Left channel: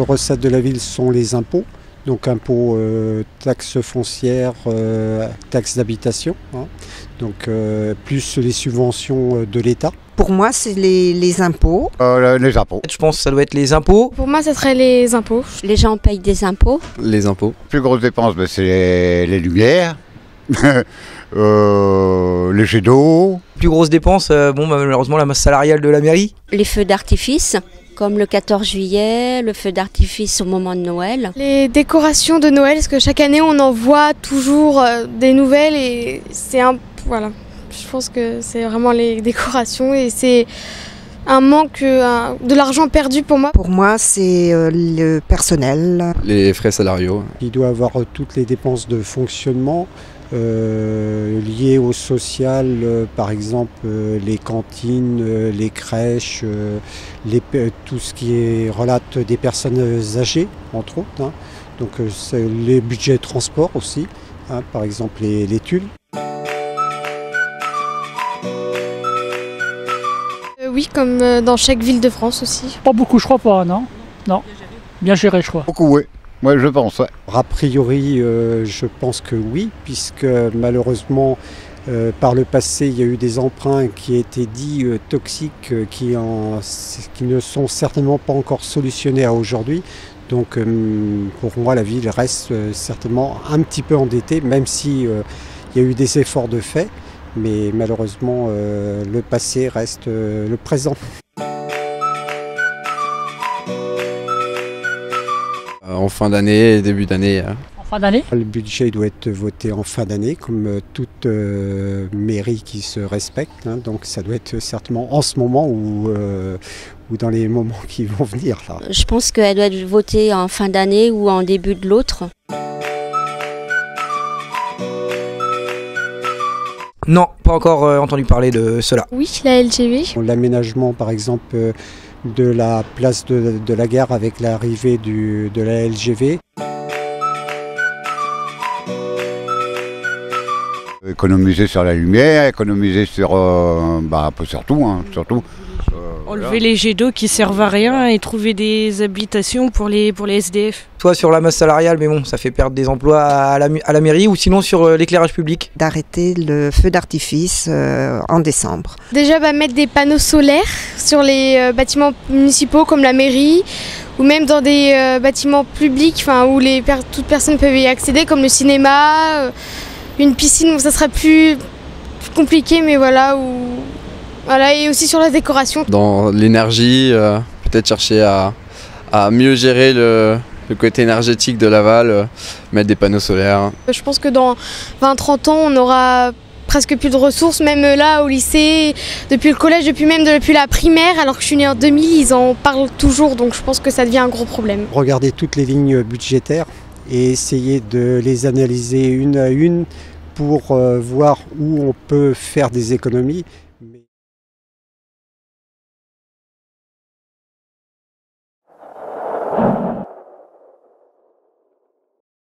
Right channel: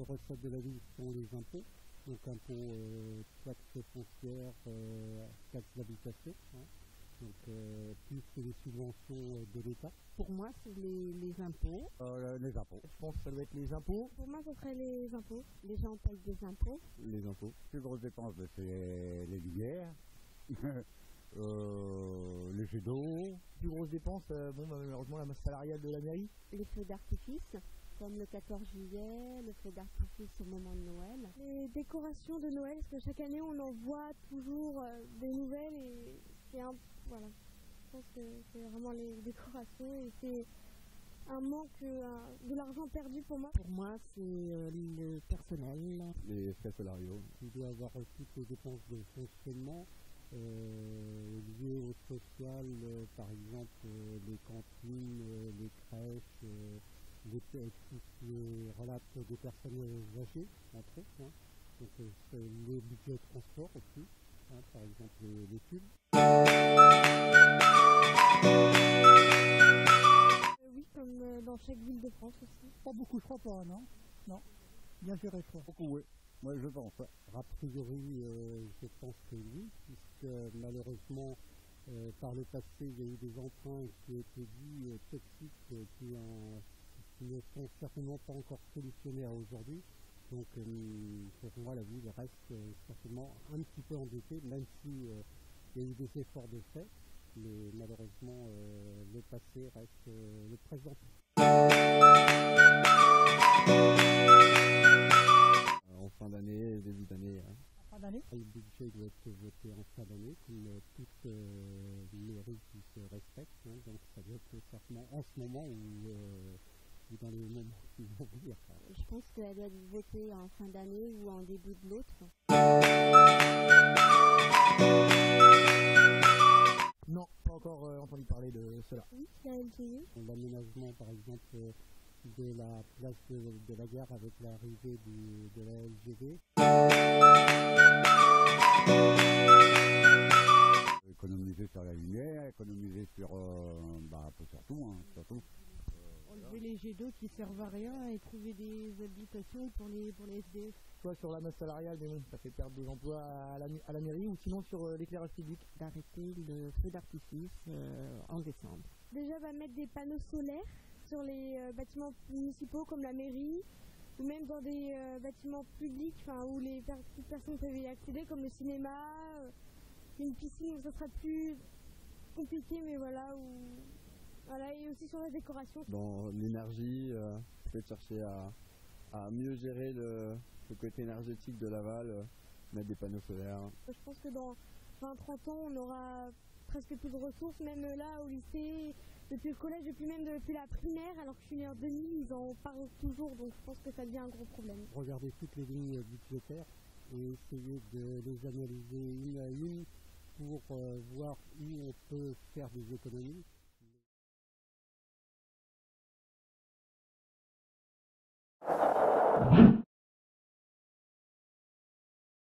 grosses recettes de la ville sont les impôts. Donc impôts, taxes foncières, taxes d'habitation, hein. Donc plus les subventions de l'État. Pour moi, c'est les impôts. Les impôts. Je pense que ça doit être les impôts. Pour moi, ça serait les impôts. Les gens payent des impôts. Les impôts. Plus grosses dépenses, c'est les lumières, les jets d'eau. Plus grosses dépenses, malheureusement la masse salariale de la mairie. Les feux d'artifice, comme le 14 juillet, le feu d'artifice au moment de Noël. Les décorations de Noël, parce que chaque année, on en voit toujours des nouvelles et c'est voilà. Je pense que c'est vraiment les décorations et c'est un manque, de l'argent perdu pour moi. Pour moi, c'est le personnel. Les frais salariaux. Il doit avoir toutes les dépenses de fonctionnement liées au social, par exemple les cantines, les crèches, tout ce qui relate des personnes âgées, entre autres, hein. Donc c'est les budgets transport aussi, hein, par exemple les tulles. Oui, comme dans chaque ville de France aussi. Pas beaucoup, je crois pas, non. Non, bien géré, je crois. Beaucoup, oui. Moi, je pense, ouais. A priori, je pense que oui, puisque malheureusement, par le passé, il y a eu des emprunts qui étaient dits toxiques, qui ne sont certainement pas encore solutionnés à aujourd'hui. Donc, pour moi, la ville reste certainement un petit peu endettée, même si il y a eu des efforts de fait. Mais malheureusement, le passé reste le présent. En fin d'année et début d'année. En fin d'année ? Le budget doit être voté en fin d'année, comme toute mairie qui se respecte, hein. Donc ça doit être certainement en ce moment ou dans les moments qui vont venir, là. Je pense qu'elle doit être votée en fin d'année ou en début de l'autre. Non, pas encore entendu parler de cela. Oui, la LGV. L'aménagement, par exemple, de la place de la gare avec l'arrivée de la LGV. Économiser sur la lumière, économiser sur un peu sur tout, hein, surtout. Enlever les jets d'eau qui servent à rien et trouver des habitations pour les SDF. Soit sur la masse salariale, mais bon, ça fait perdre des emplois à la mairie, ou sinon sur l'éclairage public. D'arrêter le feu d'artifice en décembre. Déjà, mettre des panneaux solaires sur les bâtiments municipaux comme la mairie, ou même dans des bâtiments publics où toute personne peut y accéder, comme le cinéma, une piscine, où ça sera plus compliqué, mais voilà, et aussi sur la décoration. Dans l'énergie, peut-être chercher à mieux gérer le côté énergétique de Laval, mettre des panneaux solaires. Je pense que dans 20-30 ans, on aura presque plus de ressources, même là au lycée, depuis le collège, depuis la primaire, alors que je suis née en 2000, ils en parlent toujours, donc je pense que ça devient un gros problème. Regarder toutes les lignes budgétaires et essayer de les analyser une à une pour voir où on peut faire des économies.